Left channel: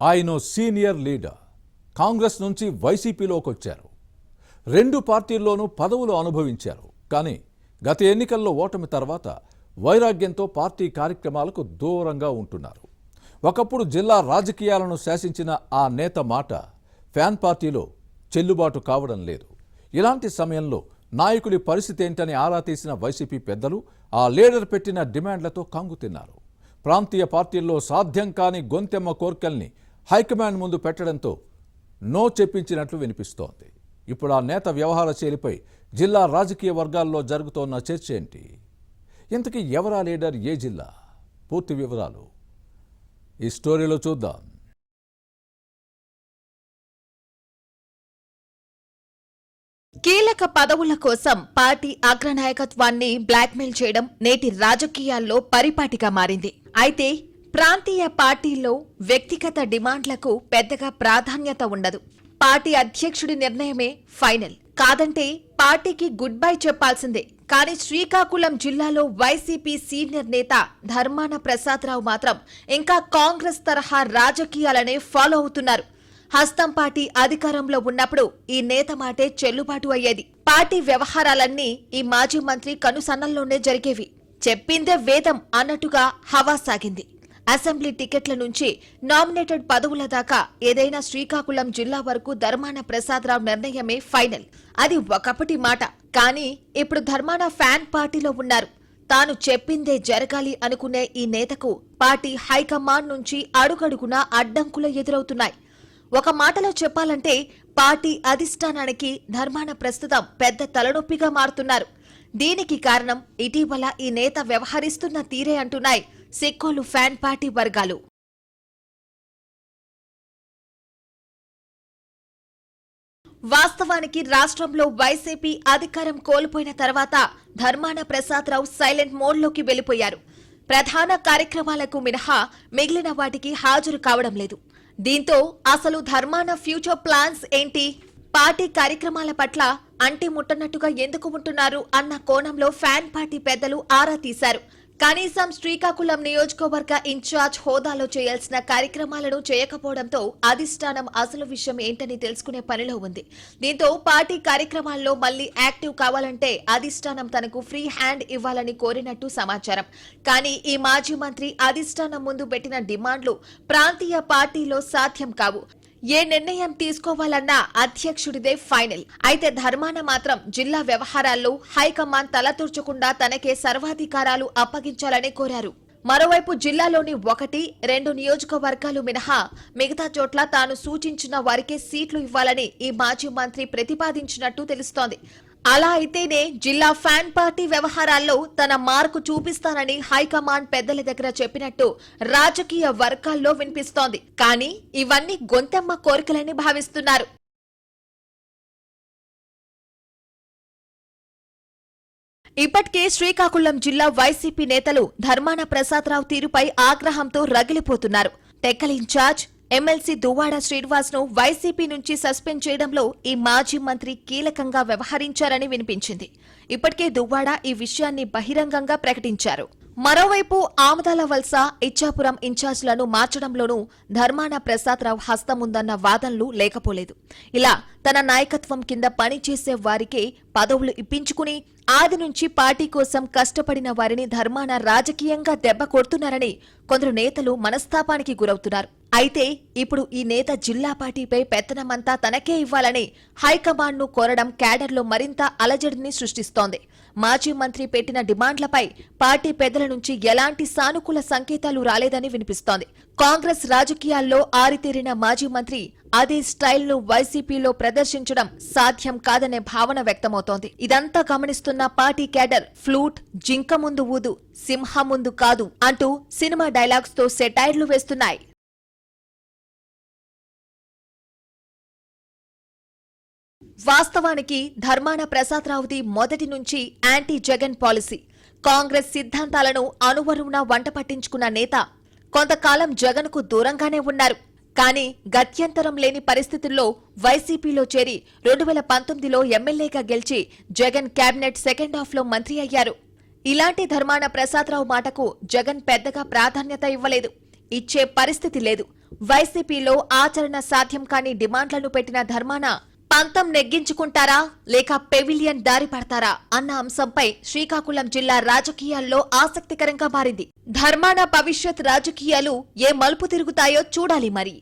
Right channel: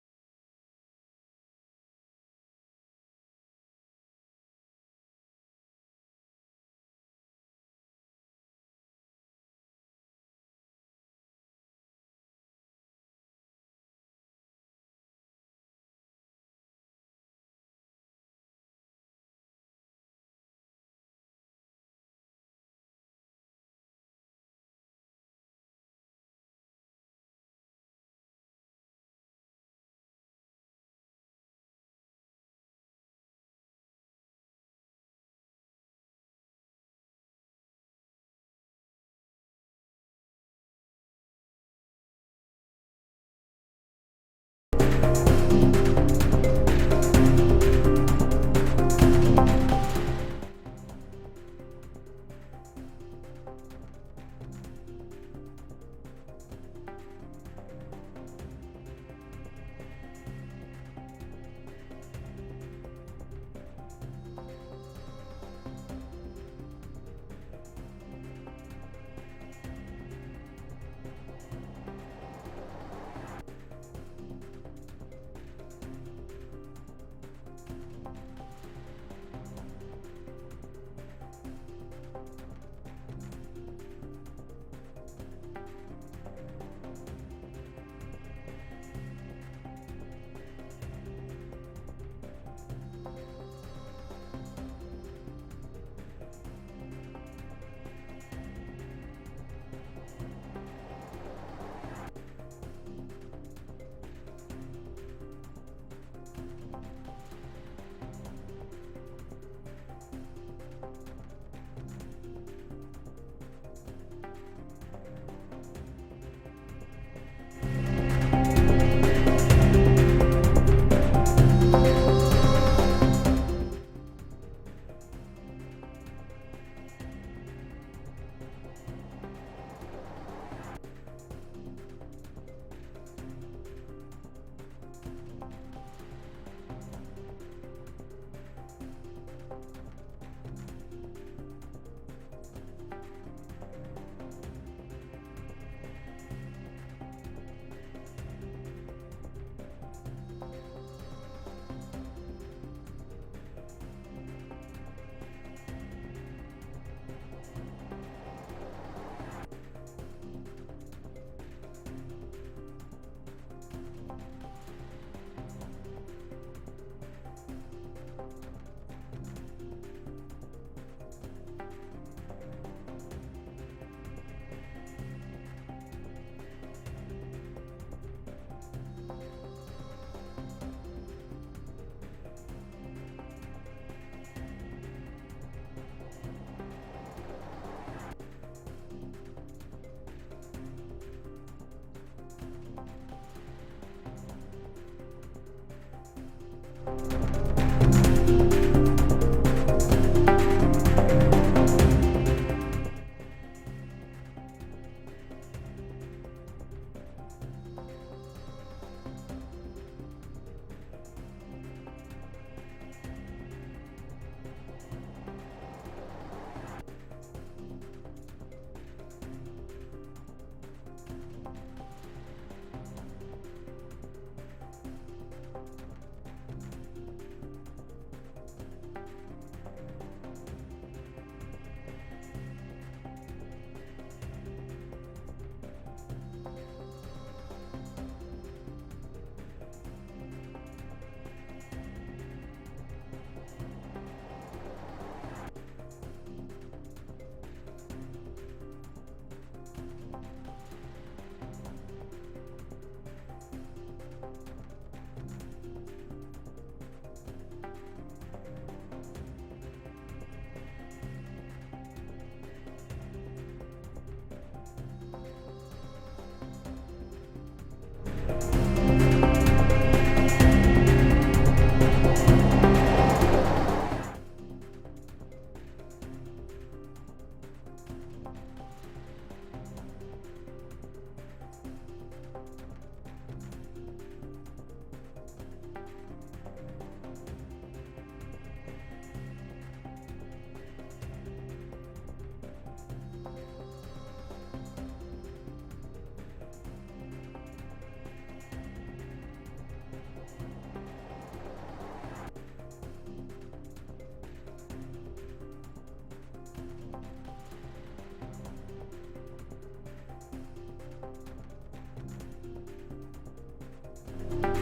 ఆయన senior leader Congress నుంచి వైసీపీలోకి వచ్చారు. రెండు పార్టీల్లోనూ పదవులు అనుభవించారు. కానీ గత ఎన్నికల్లో ఓటమి తర్వాత వైరాగ్యంతో పార్టీ కార్యక్రమాలకు దూరంగా ఉంటున్నారు. ఒకప్పుడు జిల్లా రాజకీయాలను శాసించిన ఆ నేత మాట ఫ్యాన్ పార్టీలో చెల్లుబాటు కావడం లేదు. ఇలాంటి సమయంలో నాయకుడి పరిస్థితి ఏంటని ఆరా తీసిన వైసీపీ పెద్దలు ఆ లీడర్ పెట్టిన డిమాండ్లతో కంగుతిన్నారు. ప్రాంతీయ పార్టీల్లో సాధ్యం కాని గొంతెమ్మ కోర్కెల్ని హైకమాండ్ ముందు పెట్టడంతో నో చెప్పించినట్లు వినిపిస్తోంది. ఇప్పుడు ఆ నేత వ్యవహార శైలిపై జిల్లా రాజకీయ వర్గాల్లో జరుగుతోన్న చర్చ ఏంటి? ఇంతకీ ఎవరా లీడర్, ఏ జిల్లా? పూర్తి వివరాలు ఈ స్టోరీలో చూద్దాం. కీలక పదవుల కోసం పార్టీ అగ్రనాయకత్వాన్ని బ్లాక్మెయిల్ చేయడం నేటి రాజకీయాల్లో పరిపాటిగా మారింది. అయితే ప్రాంతీయ పార్టీల్లో వ్యక్తిగత డిమాండ్లకు పెద్దగా ప్రాధాన్యత ఉండదు. పార్టీ అధ్యక్షుడి నిర్ణయమే ఫైనల్. కాదంటే పార్టీకి గుడ్ బై చెప్పాల్సిందే. కానీ శ్రీకాకుళం జిల్లాలో వైసీపీ సీనియర్ నేత ధర్మాన ప్రసాదరావు మాత్రం ఇంకా కాంగ్రెస్ తరహా రాజకీయాలనే ఫాలో అవుతున్నారు. హస్తం పార్టీ అధికారంలో ఉన్నప్పుడు ఈ నేత మాటే చెల్లుబాటు అయ్యేది. పార్టీ వ్యవహారాలన్నీ ఈ మాజీ మంత్రి కనుసన్నల్లోనే జరిగేవి. చెప్పిందే వేదం అన్నట్టుగా హవా సాగింది. అసెంబ్లీ టికెట్ల నుంచి నామినేటెడ్ పదవుల దాకా ఏదైనా శ్రీకాకుళం జిల్లా వరకు ధర్మాన ప్రసాదరావు నిర్ణయమే ఫైనల్. అది ఒకప్పటి మాట. కానీ ఇప్పుడు ధర్మాన ఫ్యాన్ పార్టీలో ఉన్నారు. తాను చెప్పిందే జరగాలి అనుకునే ఈ నేతకు పార్టీ హైకమాండ్ నుంచి అడుగడుగునా అడ్డంకులు ఎదురవుతున్నాయి. ఒక మాటలో చెప్పాలంటే పార్టీ అధిష్టానానికి ధర్మాన ప్రస్తుతం పెద్ద తలనొప్పిగా మారుతున్నారు. దీనికి కారణం ఇటీవల ఈ నేత వ్యవహరిస్తున్న తీరే అంటున్నాయి సిక్కోలు ఫ్యాన్ పార్టీ వర్గాలు. వాస్తవానికి రాష్ట్రంలో వైసీపీ అధికారం కోల్పోయిన తర్వాత ధర్మాన ప్రసాదరావు సైలెంట్ మోడ్లోకి వెళ్లిపోయారు. ప్రధాన కార్యక్రమాలకు మినహా మిగిలిన వాటికి హాజరు కావడం లేదు. దీంతో అసలు ధర్మాన ఫ్యూచర్ ప్లాన్స్ ఏంటి, పార్టీ కార్యక్రమాల పట్ల అంటి ముట్టనట్టుగా ఎందుకు ఉంటున్నారు అన్న కోణంలో ఫ్యాన్ పార్టీ పెద్దలు ఆరా తీశారు. కనీసం శ్రీకాకుళం నియోజకవర్గ ఇన్ఛార్జ్ హోదాలో చేయాల్సిన కార్యక్రమాలను చేయకపోవడంతో అధిష్టానం అసలు విషయం ఏంటని తెలుసుకునే పనిలో ఉంది. దీంతో పార్టీ కార్యక్రమాల్లో మళ్లీ యాక్టివ్ కావాలంటే అధిష్టానం తనకు ఫ్రీ హ్యాండ్ ఇవ్వాలని కోరినట్టు సమాచారం. కానీ ఈ మాజీ మంత్రి అధిష్టానం ముందు పెట్టిన డిమాండ్లు ప్రాంతీయ పార్టీలో సాధ్యం కావు. ఏ నిర్ణయం తీసుకోవాలన్నా అధ్యక్షుడిదే ఫైనల్. అయితే ధర్మాన మాత్రం జిల్లా వ్యవహారాల్లో హైకమాండ్ తలతూర్చకుండా తనకే సర్వాధికారాలు అప్పగించాలని కోరారు. మరోవైపు జిల్లాలోని 1-2 నియోజకవర్గాలు మినహా మిగతా చోట్ల తాను సూచించిన వారికే సీట్లు ఇవ్వాలని ఈ మాజీ మంత్రి ప్రతిపాదించినట్టు తెలుస్తోంది. అలా అయితేనే జిల్లా ఫ్యాన్ పార్టీ వ్యవహారాల్లో తన మార్కు చూపిస్తానని హైకమాండ్ పెద్దల దగ్గర చెప్పినట్టు రాజకీయ వర్గాల్లో వినిపిస్తోంది. కానీ ఇవన్నీ గొంతెమ్మ కోరికలని భావిస్తున్నారు. ఇప్పటికే శ్రీకాకుళం జిల్లా వైసీపీ నేతలు ధర్మాన ప్రసాదరావు తీరుపై ఆగ్రహంతో రగిలిపోతున్నారు. టెక్కల్ ఇన్ఛార్జ్ ఎమ్మెల్సీ దువ్వాడ శ్రీనివాస్ ను వైసీపీ నుంచి సస్పెండ్ చేయడంలో ఈ మాజీ మంత్రి కీలకంగా వ్యవహరించారని వినిపించింది. ఇప్పటికే దువ్వాడ ఈ విషయాన్ని బహిరంగంగా ప్రకటించారు. మరోవైపు ఆమదాల వలస, ఇచ్చాపురం ఇన్ఛార్జ్లను మార్చడంలోనూ ధర్మాన ప్రసాదరావు హస్తముందన్న వాదనలు లేకపోలేదు. ఇలా తన నాయకత్వం కింద పనిచేసే వారికే పదవులు ఇప్పించుకుని ఆది నుంచి పార్టీ కోసం కష్టపడిన వారిని ధర్మాన రాజకీయంగా దెబ్బ కొడుతున్నారని కొందరు నేతలు మనస్తాపానికి గురవుతున్నారు. అయితే ఇప్పుడు ఈ నేత జిల్లా పార్టీపై పెత్తనమంతా తనకే ఇవ్వాలని హైకమాండ్ ను కోరడం క్యాడర్లో మరింత అలజడిని సృష్టిస్తోంది. మాజీ మంత్రి పెట్టిన డిమాండ్లపై పార్టీ పెద్దల నుంచి ఎలాంటి సానుకూల సంకేతాలు రాలేదని వినిపిస్తోంది. కాంగ్రెస్ రాజకీయాల్లో ఆరితేరిన మాజీ మంత్రి అదే స్టైల్ను వైసీపీలో ప్రదర్శించడం సాధ్యం కాదనే భావన వ్యక్తమవుతోంది. ఇదంతా గమనిస్తున్న పార్టీ క్యాడర్ ఫ్లూట్ జింక ముందు ఊదు, సింహం ముందు కాదు అంటూ సినిమా డైలాగ్స్ తో సెటైర్లు వేస్తున్నాయి. వాస్తవానికి ధర్మాన ప్రసాదరావుది మొదటి నుంచి యాంటీ జగన్ పాలసీ. కాంగ్రెస్ సిద్ధాంతాలను అనువరువున వంట పట్టించుకున్న నేత కొంతకాలం జగన్ కు దూరంగానే ఉన్నారు. కానీ గత్యంతరం లేని పరిస్థితుల్లో వైసీపీలో చేరి 2019లో ఎమ్మెల్యేగా గెలిచి జగన్ కేబినెట్ సెకండ్ హాఫ్ లో మంత్రి అయ్యారు. ఇలాంటి ధర్మాన ప్రసాదరావు మాటకు జగన్ పెద్దగా ప్రాధాన్యత ఇవ్వలేదు, ఇచ్చే పరిస్థితి లేదు. వైసీపీలో ఆచరణ సాధ్యం కాని డిమాండ్లను పెట్టిన ధర్మాన పంతం నెగ్గించుకుంటారా లేక పెవిలియన్ దారి పడతారా అన్న అంశంపై శ్రీకాకుళం జిల్లా రాజకీయాల్లో ఆసక్తికరంగా మారింది. ధర్మాన భవిష్యత్ రాజకీయాలు ఏ మలుపు తిరుగుతాయో చూడాలి మరి.